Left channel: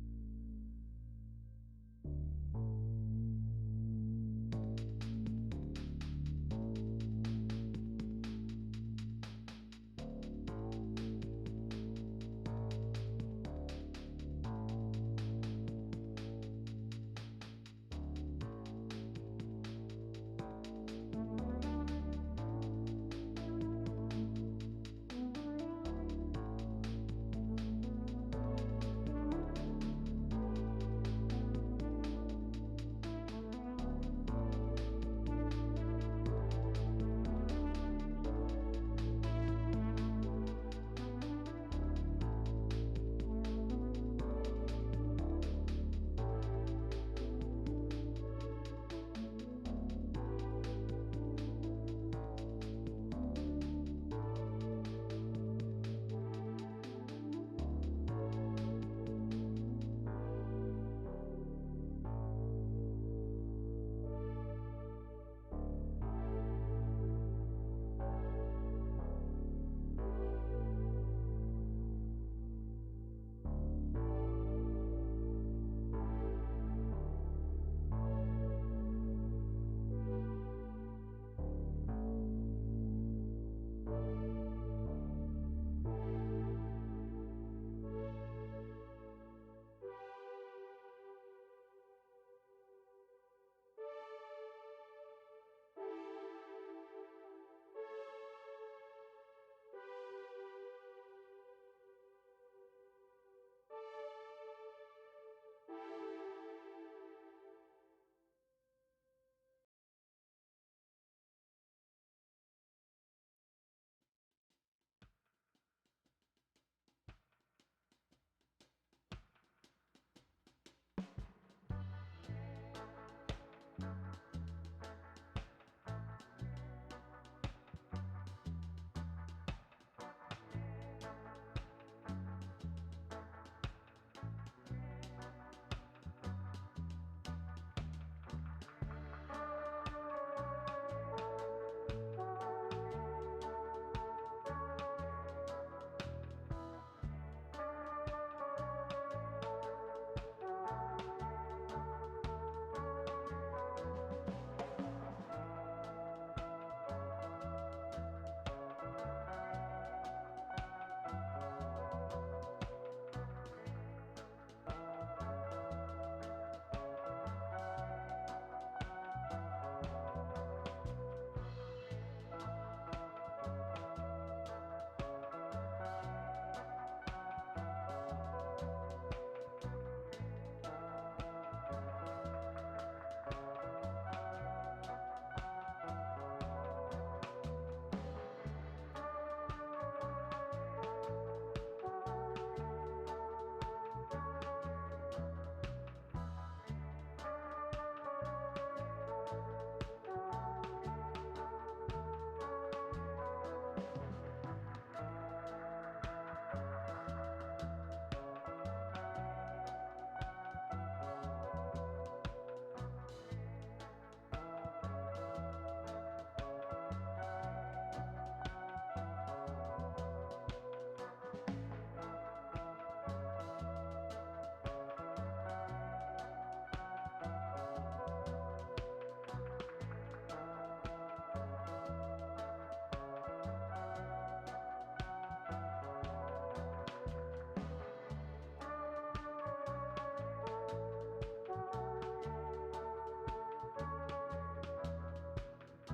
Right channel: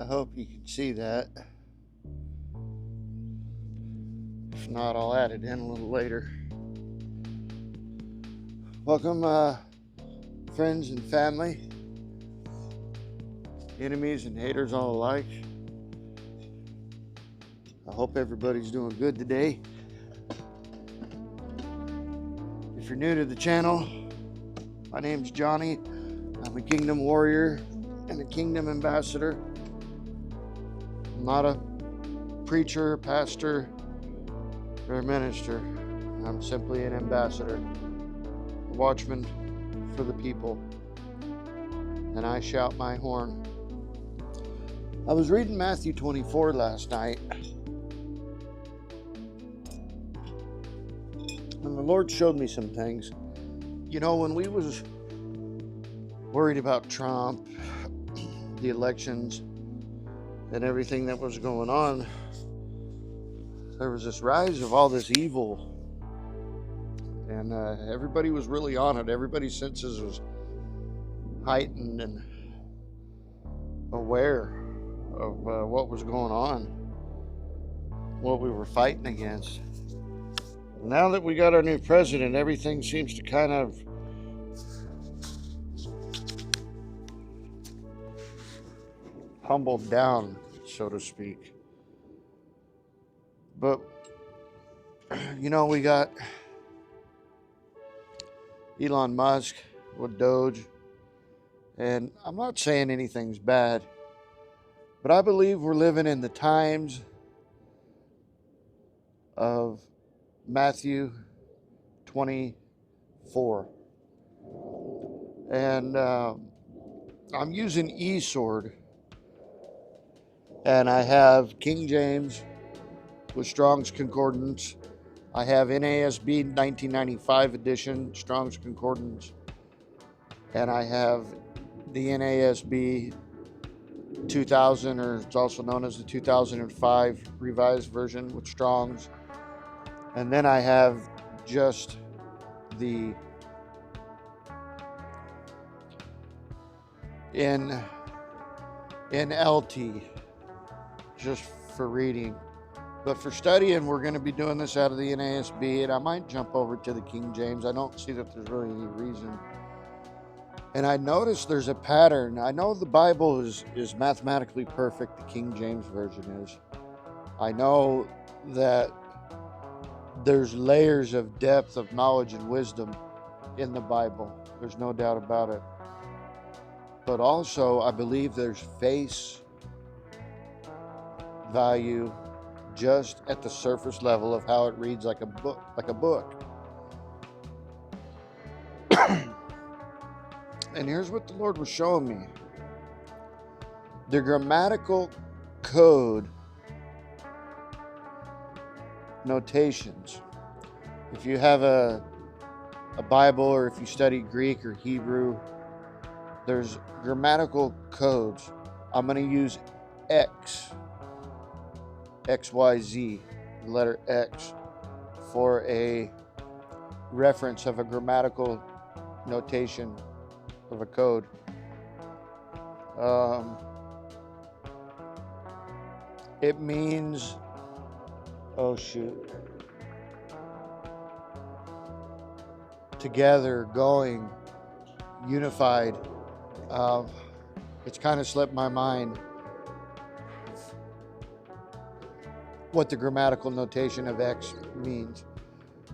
I hope you can see that. If not, I'll add it in a little later. Welcome, friends and family, enemies and haters all alike. I hope everybody's doing good today. If you're new to the channel, my name's Johnny. I'm a Kingdom Warrior and a Kingdom Ambassador. I'm not a preacher, pastor, or a minister. I'm simply an ambassador, a watchman for the people, and I shout my horn. I was reading Matthew 24 last night, and the Lord showed me some things. You know, when we was worried about Trump, the elections, and everything that was going on, there was this rise of all this evil, and everybody was really on it. Everybody's senses was heightened and aware of what was going on, what we were fighting against. Now that we got our new president, everything seems to kind of humbled down, so to speak. But, you know, we got Elon Musk with Doge, and I'm not saying anything's bad, but I believe we're living in the times of Matthew 24. And I'm using eSword, and I have King James with Strong's Concordance. I have NASB 1995 edition Strong's Concordance, and I have the NASB 2000, or it's also known as the 2005 revised version with Strong's. And then I have just the NLT, just for reading. But for studying, we're going to be doing this out of the NASB, and I might jump over to the King James. I don't see that there's really any reason. And I noticed there's a pattern. I know the Bible is mathematically perfect, the King James Version is. I know that there's layers of depth of knowledge and wisdom in the Bible. There's no doubt about it. But also, I believe there's face value just at the surface level of how it reads like a book. And here's what the Lord was showing me. The grammatical code notations. If you have a Bible, or if you study Greek or Hebrew, there's grammatical codes. I'm going to use XYZ, the letter X, for a reference of a grammatical notation of a code. It means, together, going, unified. It's kind of slipped my mind what the grammatical notation of X means.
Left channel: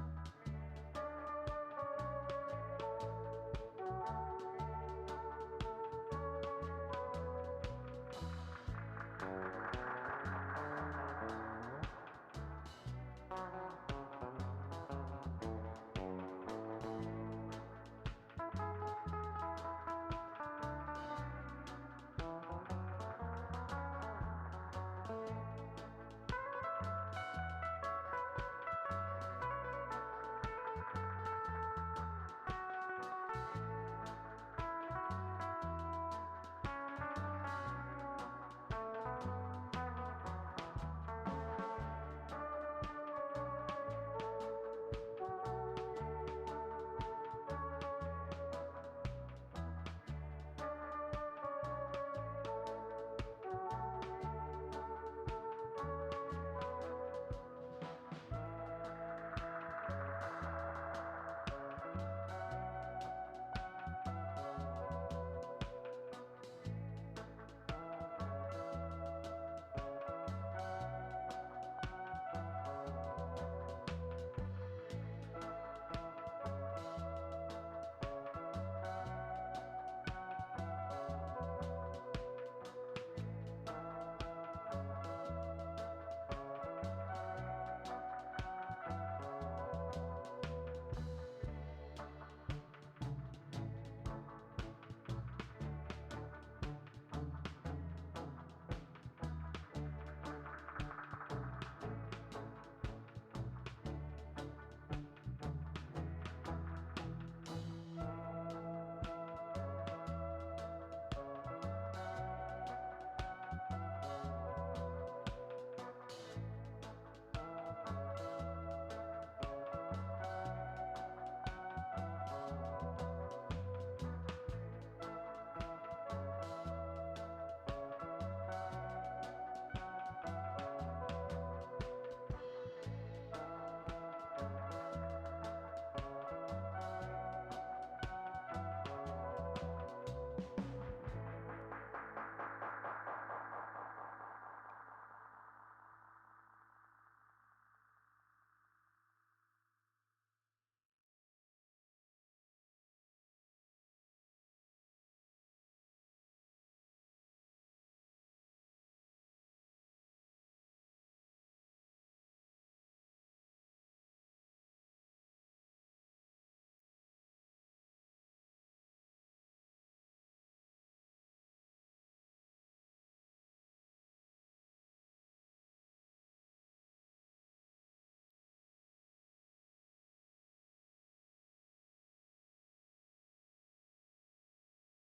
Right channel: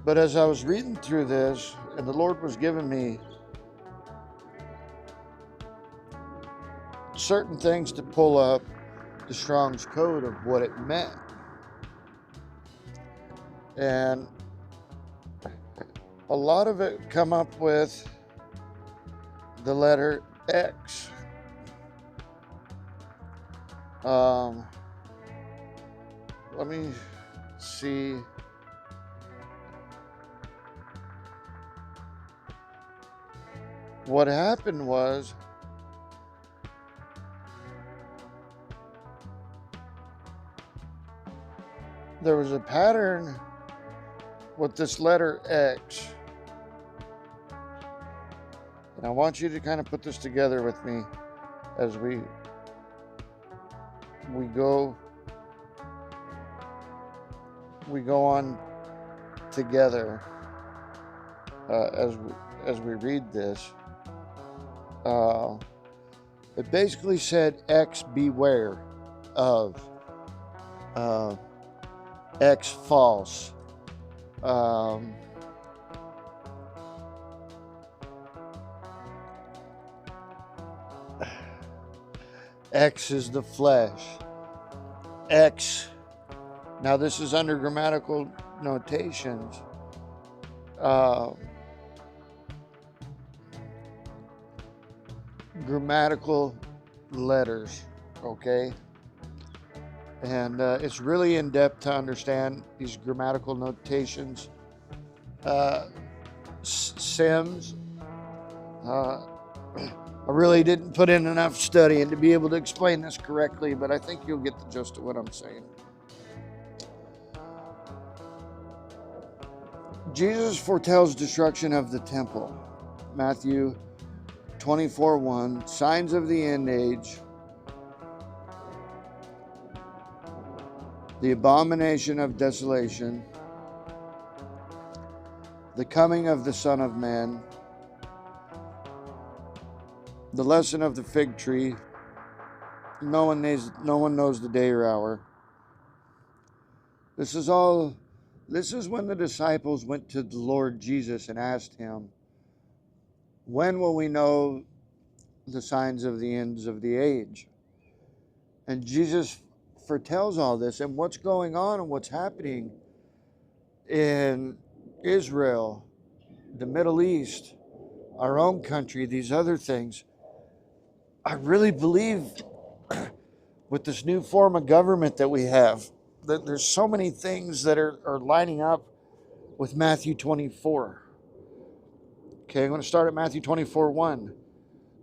But as I was reading through this, and the Lord was giving me certain things to pull up the Strong's code of what it meant. And a lot of it come up with the letter X. Let me see. What happened was, there was a pattern with this letter X. And I want you to kind of put this together with me as we we go on together as we read this. It basically said, X beware of, X false. X is the flesh. X. Now this is under grammatical notations. Grammatical letters, okay? And it's really in depth to understand these grammatical notations. Sims. I really didn't put in enough studying to be able to explain this correctly, but I think you'll get the gist of what I'm saying. Jesus foretells destruction of the temple. Matthew 24:1, signs of the end age, the abomination of desolation, the coming of the Son of Man, the lesson of the fig tree. No one knows the day or hour. This is when the disciples went to the Lord Jesus and asked him, when will we know the signs of the ends of the age? And Jesus foretells all this and what's going on and what's happening in Israel, the Middle East, our own country, these other things. I really believe with this new form of government that we have, that there's so many things that are lining up with Matthew 24. Okay, I'm going to start at Matthew 24:1.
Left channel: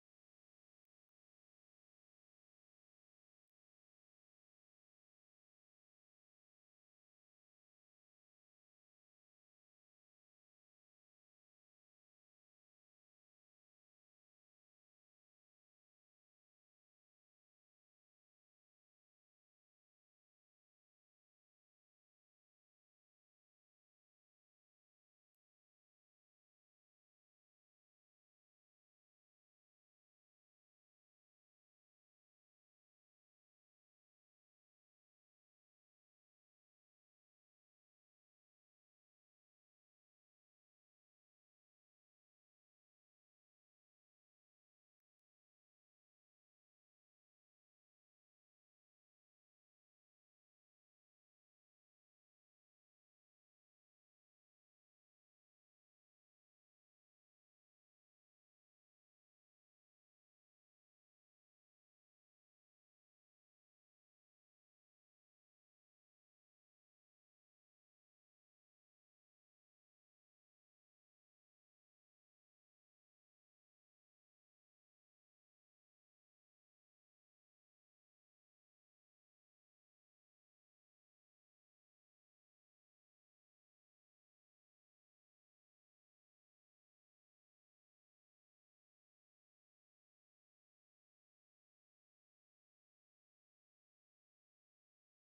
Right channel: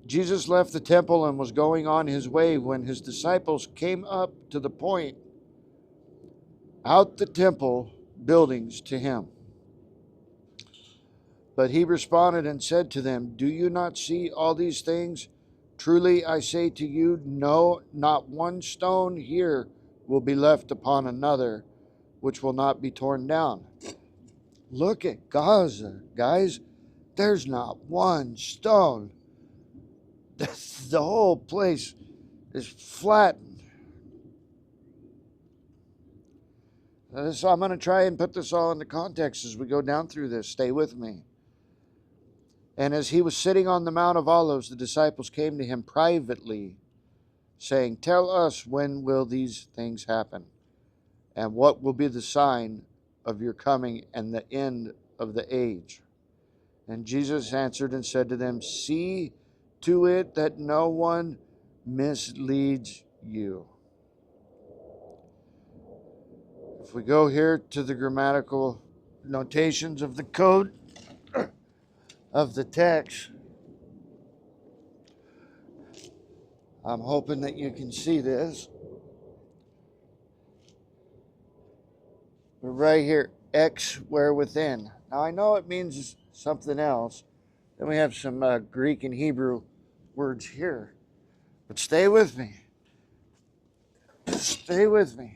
Jesus left the temple and was going on his way when his disciples came up to the point out the temple buildings to him. But he responded and said to them, do you not see all these things? Truly I say to you, no, not one stone here will be left upon another, which will not be torn down. Look at Gaza, guys. There's not one stone. The whole place is flattened. So I'm going to try and put this all into context as we go down through this. Stay with me. And as he was sitting on the Mount of Olives, the disciples came to him privately, saying, tell us, when will these things happen? And what will be the sign of your coming and the end of the age? And Jesus answered and said to them, see to it that no one misleads you. If we go here to the grammatical notations of the code of the text, I'm hoping that you can see this. We're right here, X where within. Now I know it means something else. Then we have some Greek and Hebrew words here. But stay with me. Stay with me.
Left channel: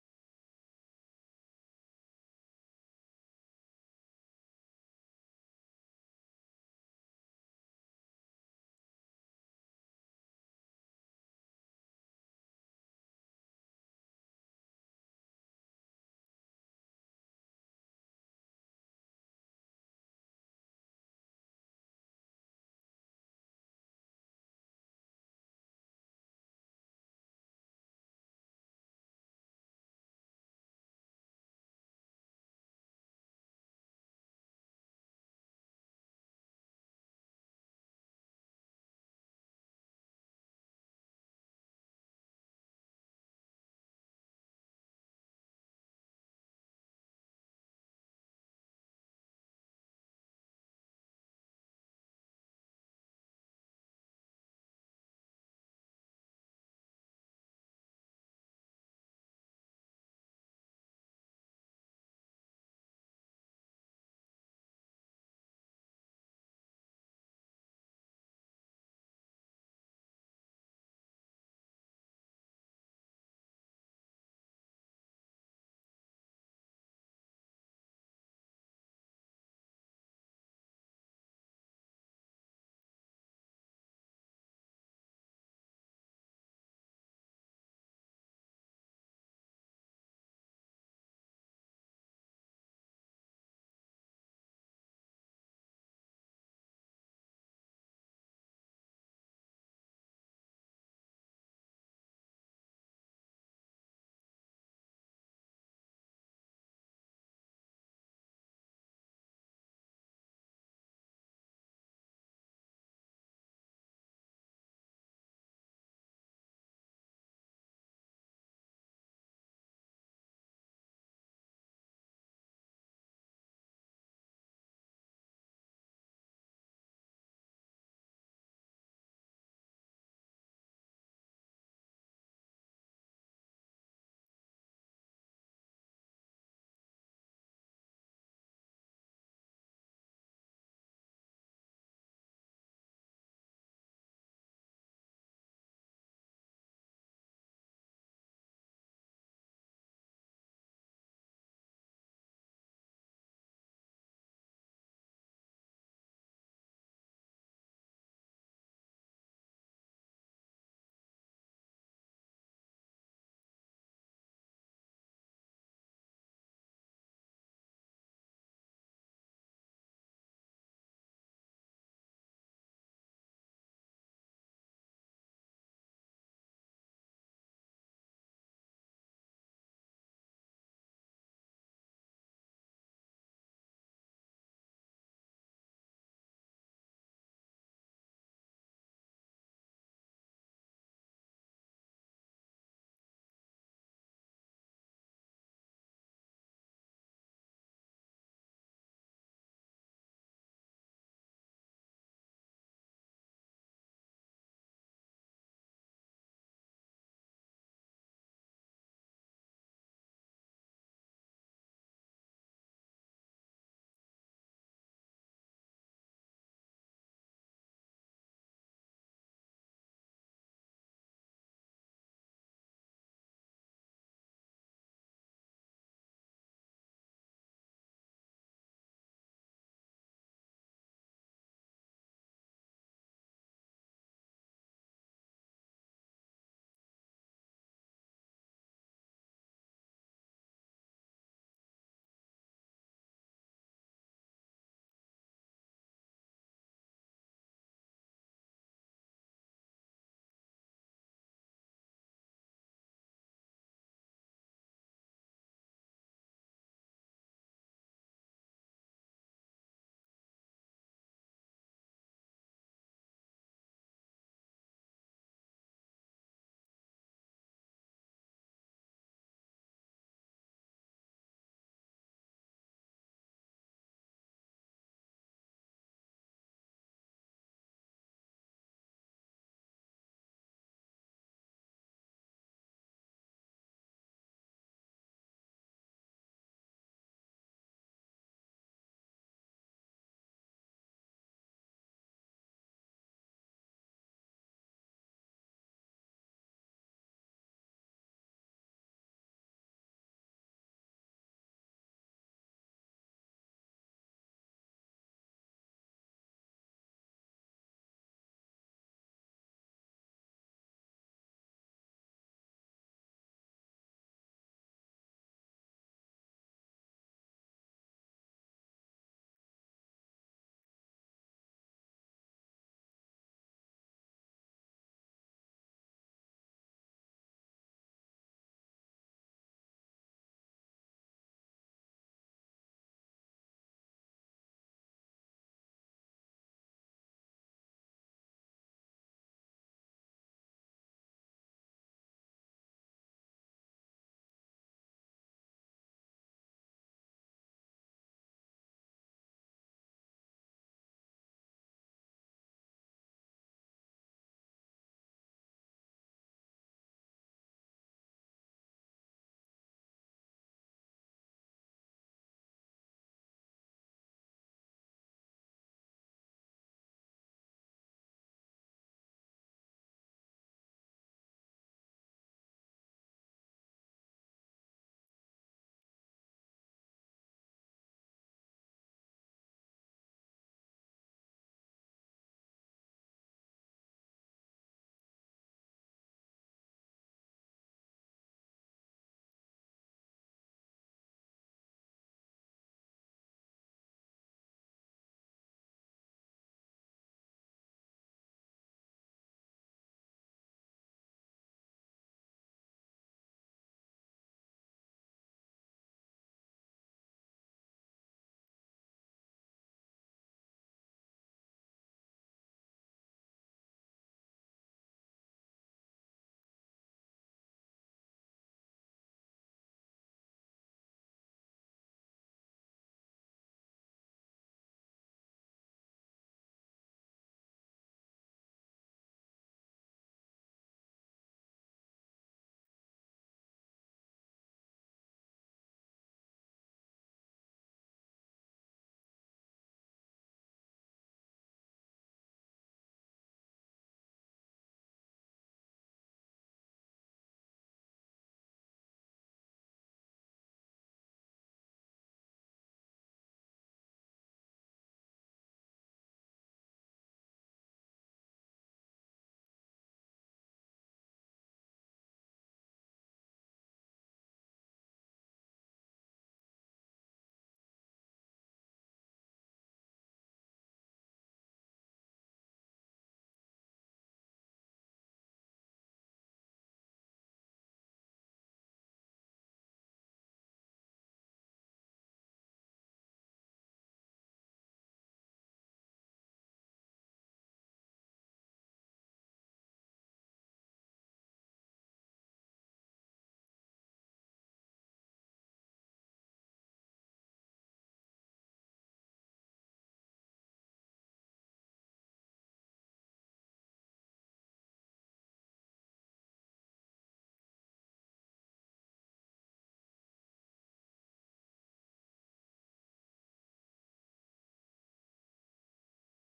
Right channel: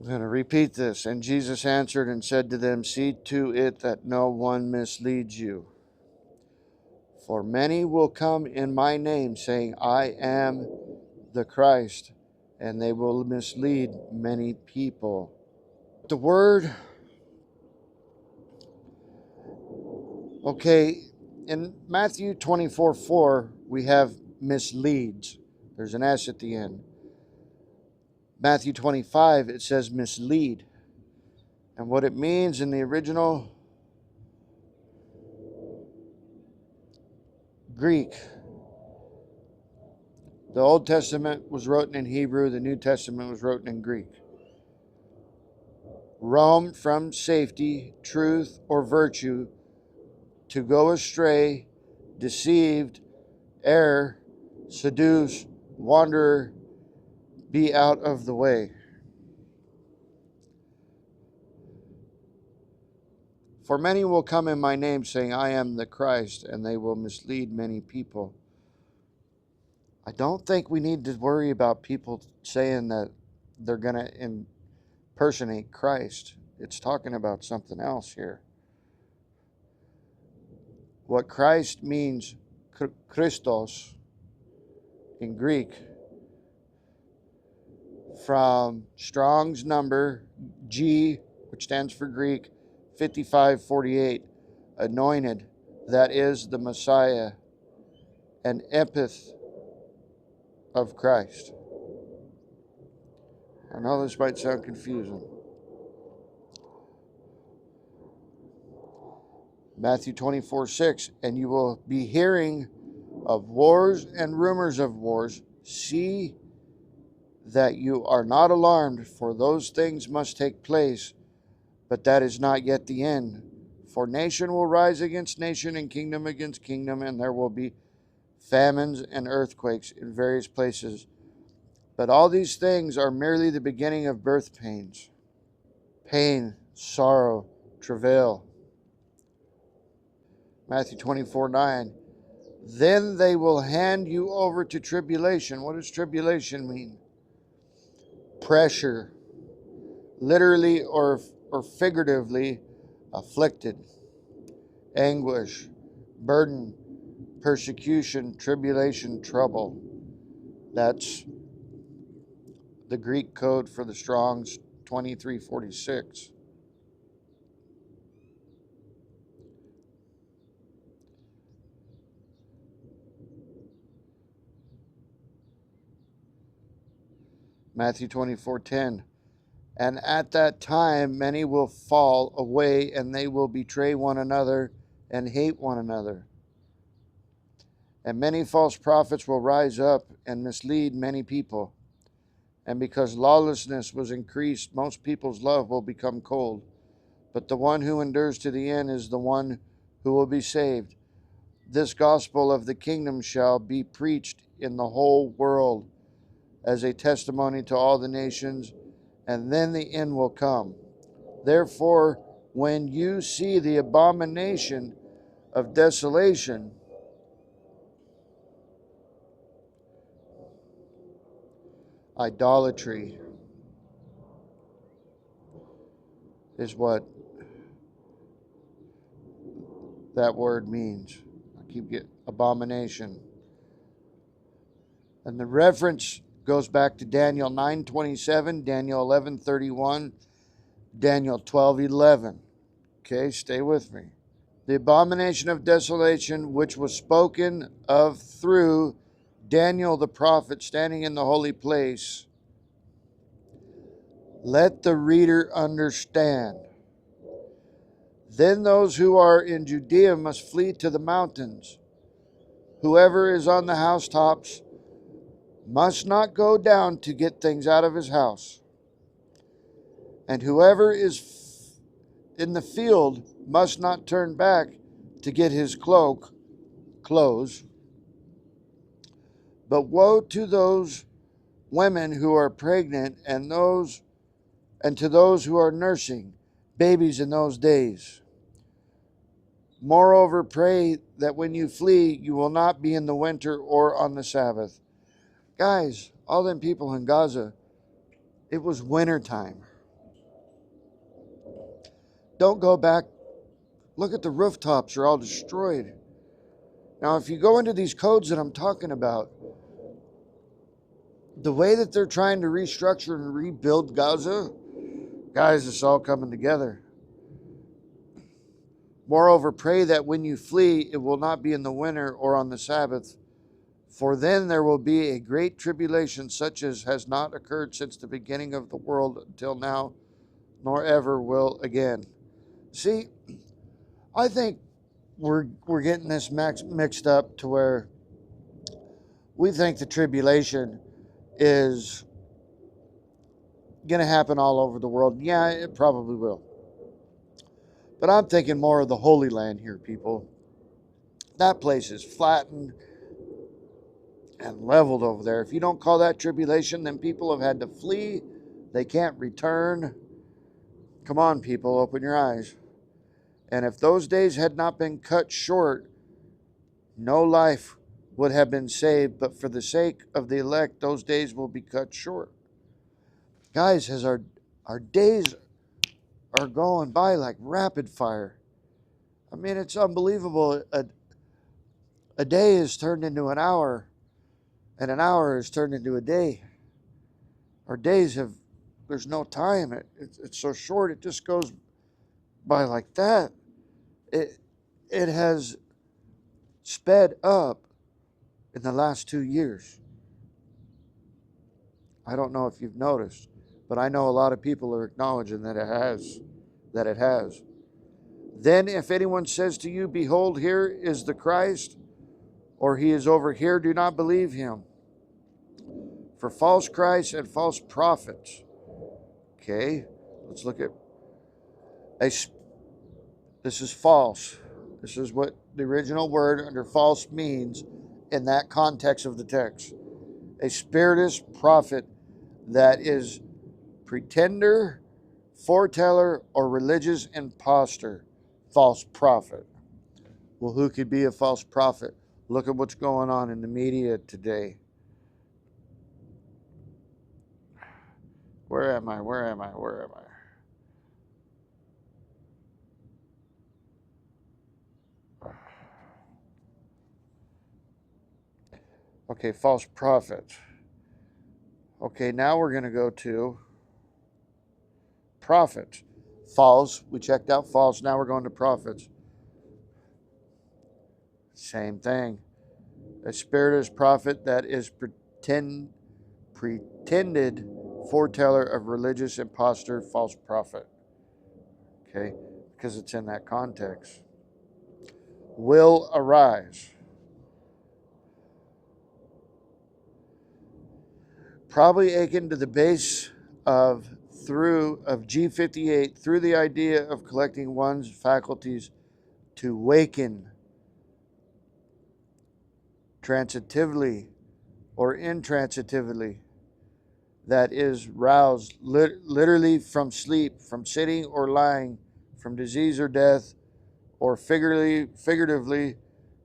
I'm going to repeat this. And Jesus answered and said to them, see to it that no one misleads you. For many will come in my name, saying, I am the Christ, and they will mislead many people. The word, okay, in Matthew 24:4, we have misleads. There's an S at the end. Matthew 25, it says mislead. And what it means in the original Greek, the Old Testament was written in Hebrew, the New Testament was written in Greek. Roam from safety, truth, or virtue, to go astray, deceived, err, seduce, wander, be out of the way. For many will come in my name, saying, I am the Christ, and they will mislead many people. I don't think we need to worry about people saying that they're going to impersonate Christ. It's talking about something else here. What Christ means, Christos, in Greek, from Strong's number G, which stands for Greek, 5548, anointed, that is the Messiah, an epith of Christ. I know this might sound confusing. Matthew 24:6, and you will be hearing of wars and rumors of wars. See that you are not alarmed, for those things must take place, but that is not yet the end. For nation will rise against nation and kingdom against kingdom, and there will be famines and earthquakes in various places. But all these things are merely the beginning of birth pains. Pain, sorrow, travail. Matthew 24:9. Then they will hand you over to tribulation. What does tribulation mean? Pressure, literally or figuratively afflicted, anguish, burden, persecution, tribulation, trouble. That's the Greek code for the Strong's 2346. Matthew 24:10. And at that time many will fall away, and they will betray one another and hate one another. And many false prophets will rise up and mislead many people. And because lawlessness was increased, most people's love will become cold. But the one who endures to the end is the one who will be saved. This gospel of the kingdom shall be preached in the whole world as a testimony to all the nations, and then the end will come. Therefore, when you see the abomination of desolation, idolatry is what that word means. I keep getting abomination. And the reference goes back to Daniel 9:27, Daniel 11:31, Daniel 12:11. Okay, stay with me. The abomination of desolation, which was spoken of through Daniel the prophet standing in the holy place. Let the reader understand. Then those who are in Judea must flee to the mountains. Whoever is on the housetops must not go down to get things out of his house. And whoever is in the field must not turn back to get his clothes. But woe to those women who are pregnant and to those who are nursing babies in those days. Moreover, pray that when you flee, you will not be in the winter or on the Sabbath. Guys, all them people in Gaza, it was winter time. Don't go back. Look at the rooftops, are all destroyed. Now, if you go into these codes that I'm talking about, the way that they're trying to restructure and rebuild Gaza, guys, it's all coming together. Moreover, pray that when you flee, it will not be in the winter or on the Sabbath, for then there will be a great tribulation such as has not occurred since the beginning of the world until now, nor ever will again. See, I think we're getting this mixed up to where we think the tribulation is going to happen all over the world. Yeah, it probably will. But I'm thinking more of the Holy Land here, people. That place is flattened and leveled over there. If you don't call that tribulation, then people have had to flee. They can't return. Come on, people, open your eyes. And if those days had not been cut short, no life would have been saved, but for the sake of the elect, those days will be cut short. Guys, as our days are going by like rapid fire. I mean, it's unbelievable. A day is turned into an hour, and an hour is turned into a day. Our days have, there's no time. It's so short, it just goes by like that. It has sped up in the last 2 years. I don't know if you've noticed, but I know a lot of people are acknowledging that it has. That it has. Then if anyone says to you, behold, here is the Christ, or he is over here, do not believe him. For false Christs and false prophets. Okay, let's look at this is false. This is what the original word under false means in that context of the text. A spiritist prophet that is pretender, foreteller, or religious impostor. False prophet. Well, who could be a false prophet? Look at what's going on in the media today. Where am I? Okay, false prophet. Okay, now we're going to go to prophets. False, we checked out false, now we're going to prophets. Same thing. A spiritist prophet that is pretended foreteller of religious impostor, false prophet. Okay, because it's in that context. Will arise. Probably akin to the base of G58 through the idea of collecting one's faculties to waken transitively or intransitively, that is roused literally from sleep, from sitting or lying, from disease or death, or figuratively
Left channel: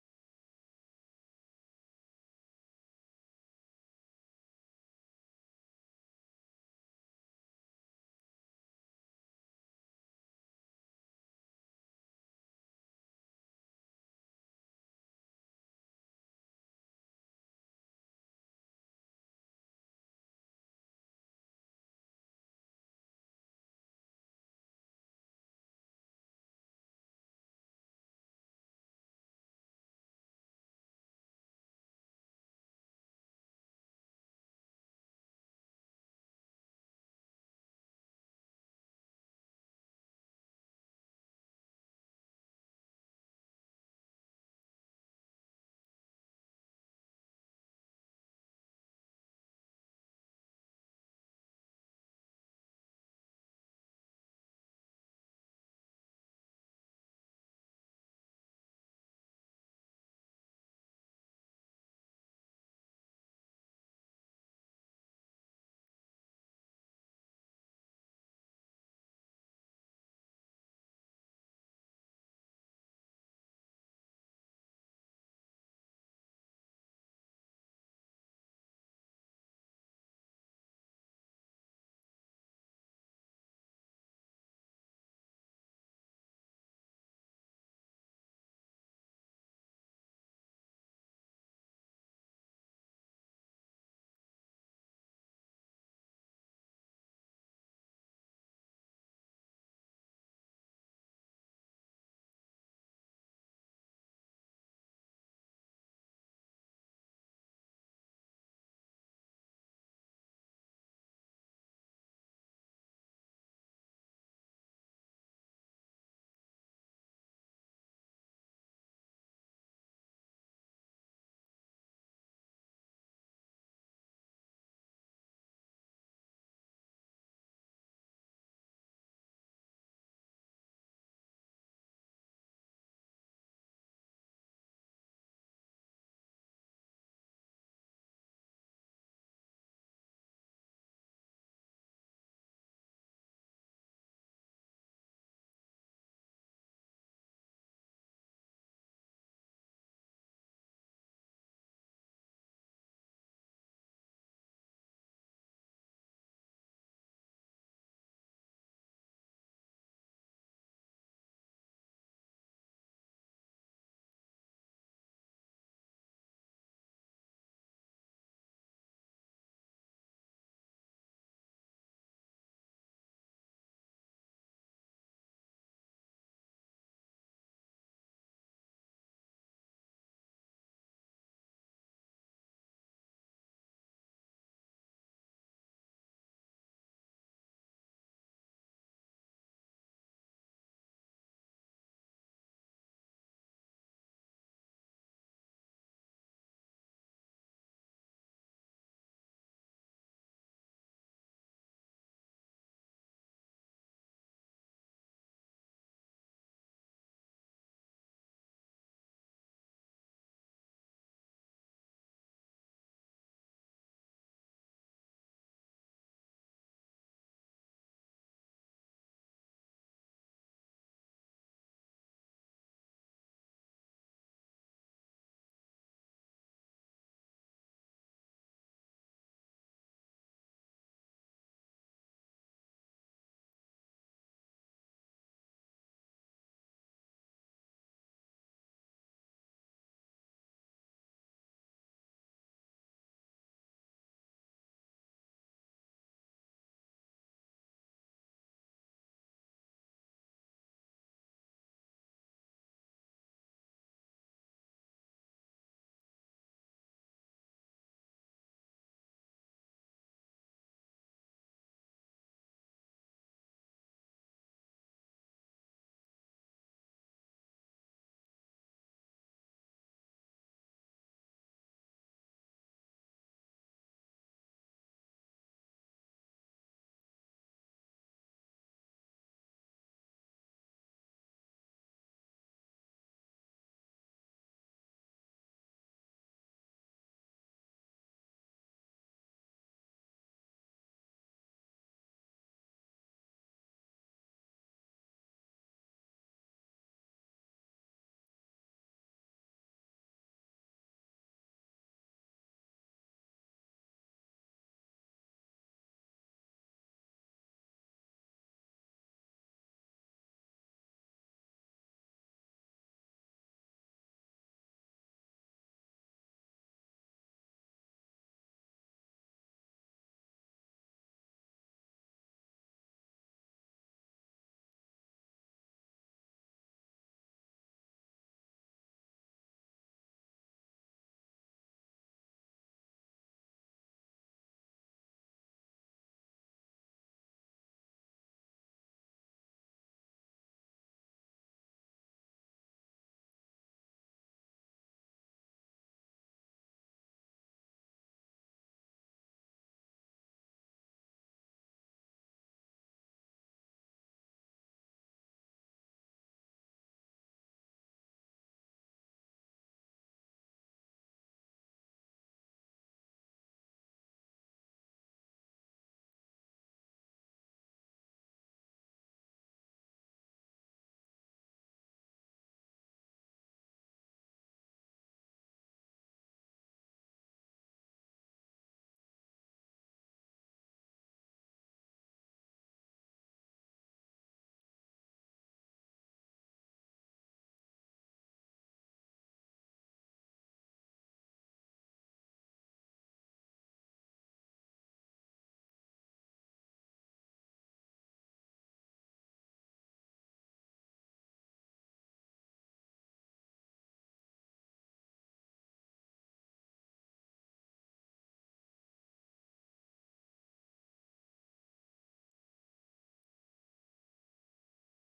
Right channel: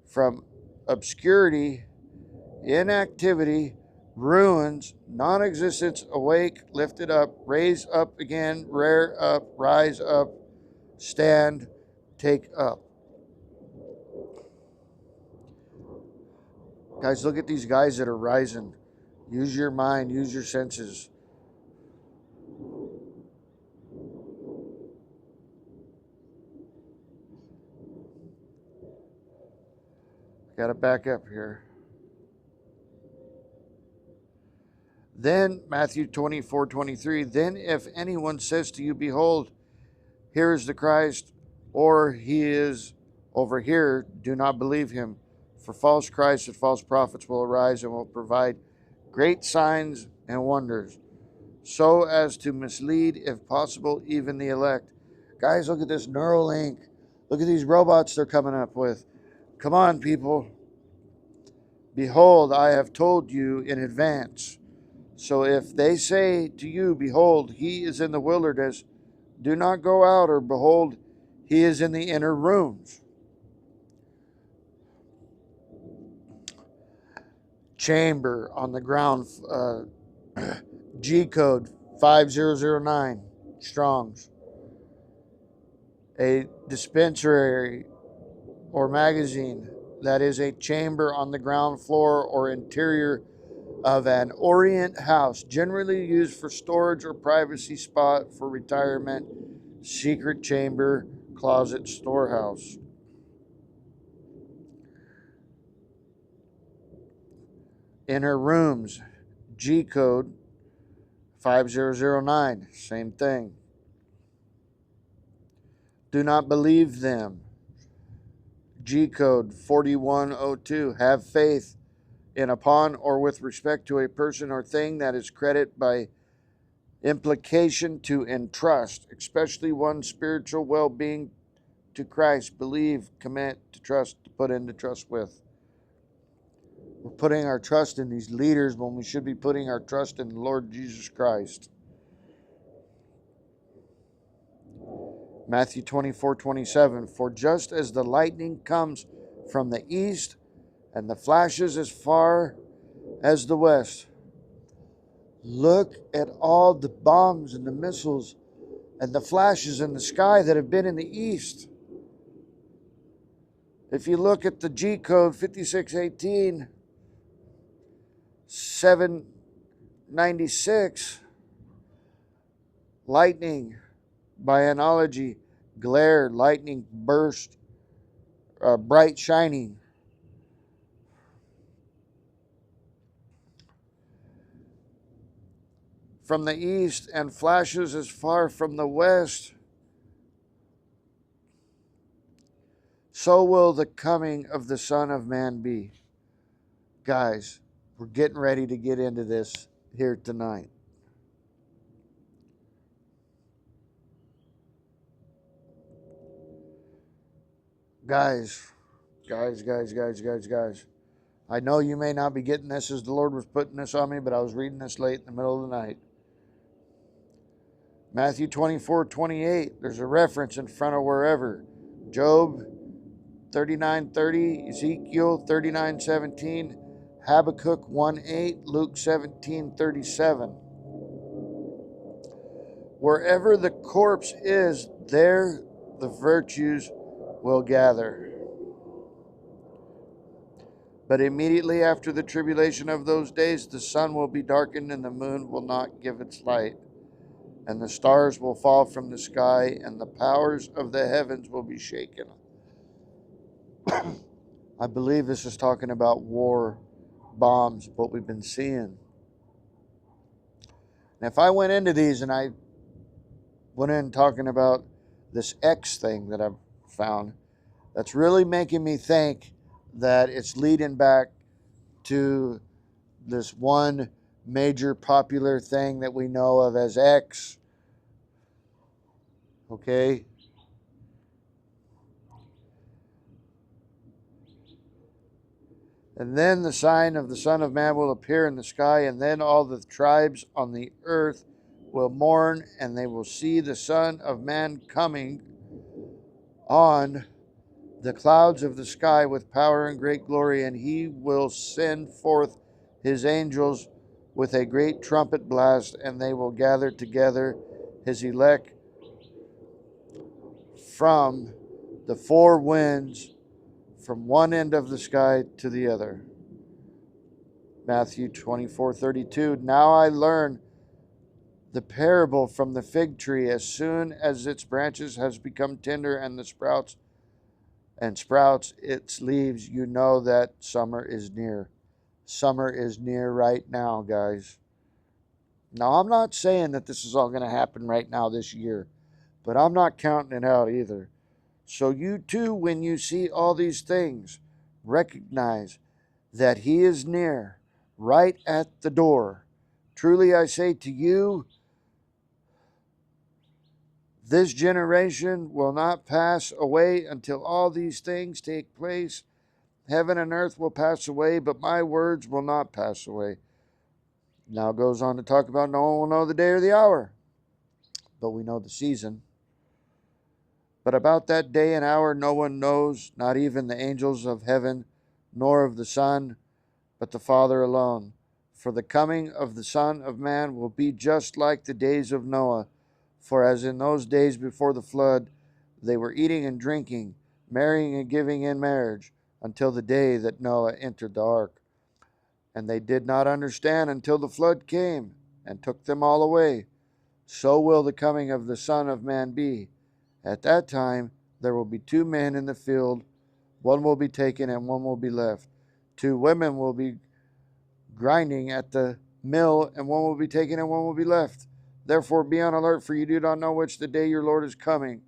from obscurity, inactivity, ruins, non-existence, awake, lifted up, raise up again, rear up, rise up, stand, take up. Guys, look at these guys that are rising. Use your mind, use your senses. Got to back up here. Then, Matthew 24:23, then if anyone says to you, behold, here is the Christ, or he is over here, do not believe him. For false Christs and false prophets will arise and will provide great signs and wonders, so as to mislead, if possible, even the elect. Guys, look at this Neuralink. Look at these robots they're coming up with. Come on, people. Behold, I have told you in advance. So if they say to you, behold, he is in the wilderness, do not go out, or behold, he is in the inner rooms. Chamber on the ground, G code 5009, Strong's. A dispensary or magazine that is a chamber on the ground floor or interior of an Orient house, generally used for storage or privacy spot for retirement, secret chamber, closet, storehouse. Inner rooms, G code 5009, same thing. Do not believe them. G code 4102, have faith in, upon, or with respect to a person or thing that is credit by implication to entrust, especially one's spiritual well-being to Christ. Believe, commit, to trust, to put into trust with. We're putting our trust in these leaders when we should be putting our trust in the Lord Jesus Christ. Matthew 24:27, for just as the lightning comes from the east and the flashes as far as the west. Look at all the bombs and the missiles and the flashes in the sky that have been in the east. If you look at the G code 5618 796, lightning by analogy, glare, lightning burst, bright shining. From the east and flashes as far from the west, so will the coming of the Son of Man be. Guys, we're getting ready to get into this here tonight. Guys. I know you may not be getting this as the Lord was putting this on me, but I was reading this late in the middle of the night. Matthew 24:28, there's a reference in front of wherever. Job 39:30, Ezekiel 39:17, Habakkuk 1:8, Luke 17:37. Wherever the corpse is, there the virtues will gather. But immediately after the tribulation of those days, the sun will be darkened and the moon will not give its light, and the stars will fall from the sky, and the powers of the heavens will be shaken. I believe this is talking about war, bombs, what we've been seeing. And if I went into these and I went in talking about this X thing that I've found, that's really making me think that it's leading back to this one major popular thing that we know of as X. Okay? And then the sign of the Son of Man will appear in the sky, and then all the tribes on the earth will mourn, and they will see the Son of Man coming on the clouds of the sky with power and great glory, and he will send forth his angels with a great trumpet blast, and they will gather together his elect from the four winds, from one end of the sky to the other. Matthew 24:32. Now I learn the parable from the fig tree. As soon as its branches has become tender and the sprouts its leaves, you know that summer is near. Summer is near right now, guys. Now, I'm not saying that this is all going to happen right now this year, but I'm not counting it out either. So you too, when you see all these things, recognize that he is near, right at the door. Truly I say to you, this generation will not pass away until all these things take place. Heaven and earth will pass away, but my words will not pass away. Now it goes on to talk about no one will know the day or the hour, but we know the season. But about that day and hour no one knows, not even the angels of heaven, nor of the Son, but the Father alone. For the coming of the Son of Man will be just like the days of Noah. For as in those days before the flood, they were eating and drinking, marrying and giving in marriage, until the day that Noah entered the ark. And they did not understand until the flood came and took them all away. So will the coming of the Son of Man be. At that time there will be two men in the field, one will be taken and one will be left. Two women will be grinding at the mill, and one will be taken and one will be left. Therefore be on alert, for you do not know which the day your Lord is coming.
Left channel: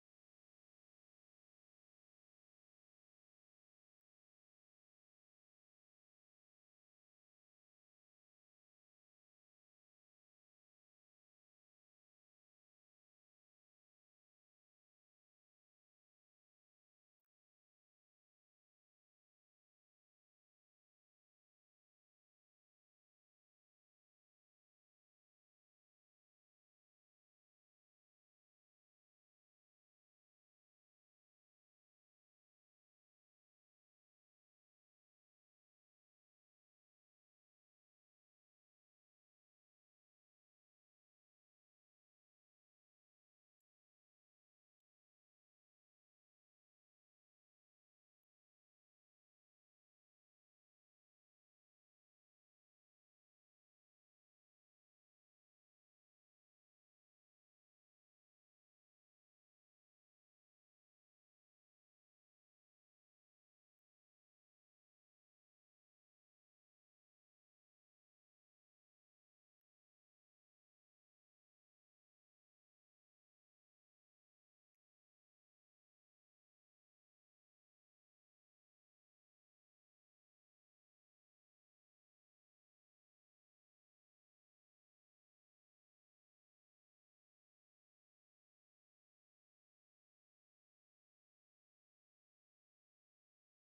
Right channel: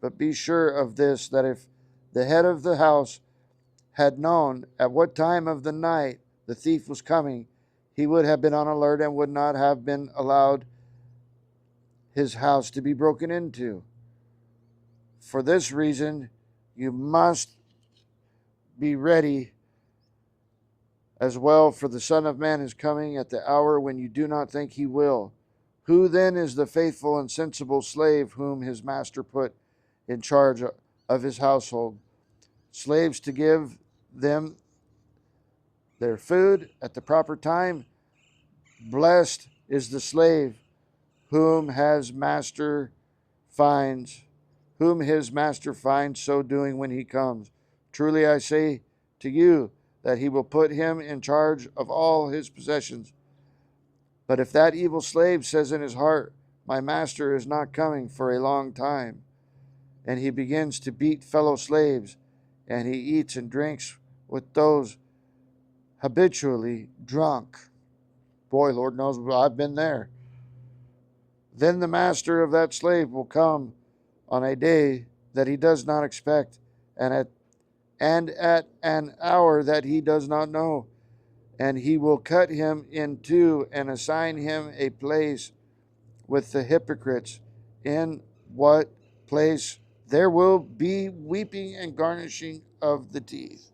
But be sure of this, that if the head of the house had known at what time of the night the thief was coming, he would have been on alert and would not have been allowed his house to be broken into. For this reason, you must be ready as well, for the Son of Man is coming at the hour when you do not think he will. Who then is the faithful and sensible slave whom his master put in charge of his household? Slaves to give them their food at the proper time. Blessed is the slave whom whom his master finds so doing when he comes. Truly I say to you that he will put him in charge of all his possessions. But if that evil slave says in his heart, my master is not coming for a long time, and he begins to beat fellow slaves, and he eats and drinks with those habitually drunk. Boy, Lord knows I've been there. Then the master of that slave will come on a day that he does not expect, and at an hour that he does not know, and he will cut him in two and assign him a place with the hypocrites, in what place there will be weeping and gnashing of the teeth.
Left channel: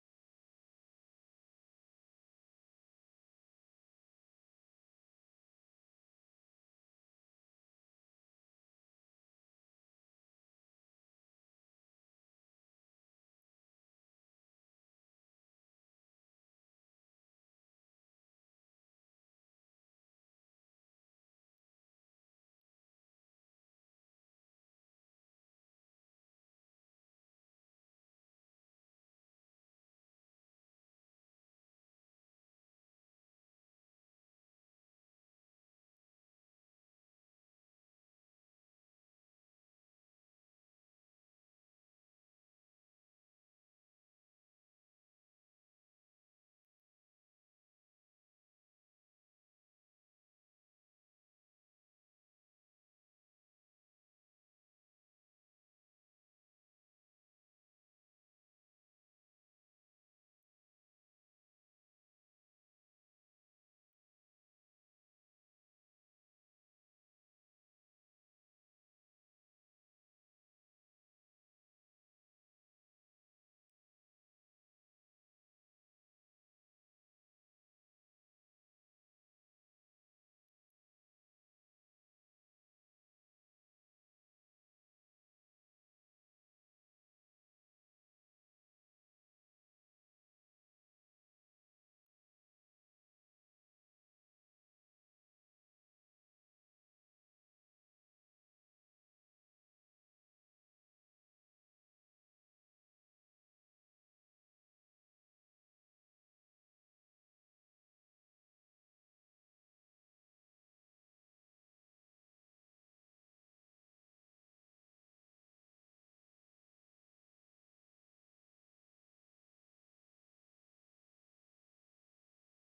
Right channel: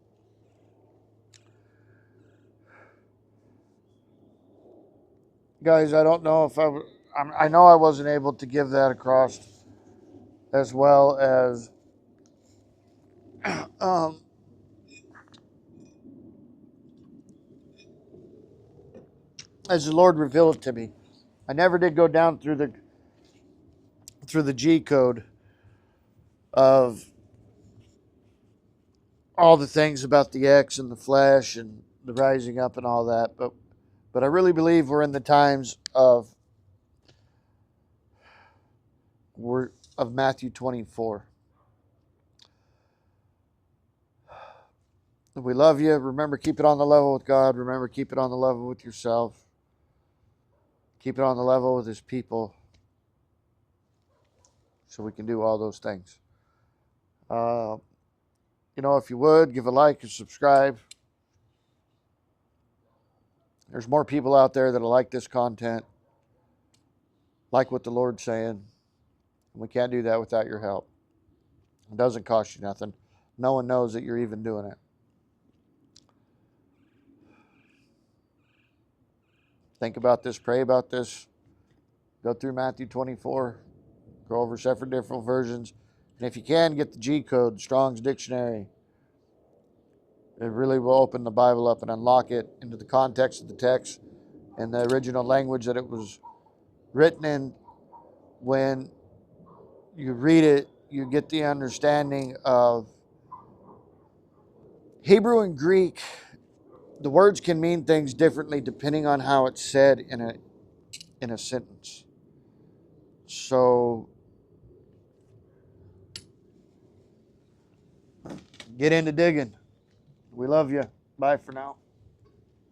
Guys, I don't know if I know I wasn't able to give that across as well um, as the Lord revealed it to me. I never did go down through the G code of all the things about the X and the flesh and the rising up and all that, but I really believe we're in the times of Matthew 24. If we love you, remember, keep it on the level with God. Remember, keep it on the level with yourself. Keep it on the level with his people, so we can do all those things. If you would, give a like and subscribe. There's more people out there that like this content, like what the Lord's saying. And we can't do that without your help. It doesn't cost you nothing. No one knows that you're even doing it. Think about this, pray about this. Go through Matthew 24. Go over several different versions. And if you can, get the G code, Strong's Dictionary. It really will open the Bible up and unlock it into the context of the text and the original language that it was written in. When you read it, you get the understanding of Hebrew and Greek. The words can mean things differently depending on how it's said in a sentence. So get into digging. We love you. Bye for now.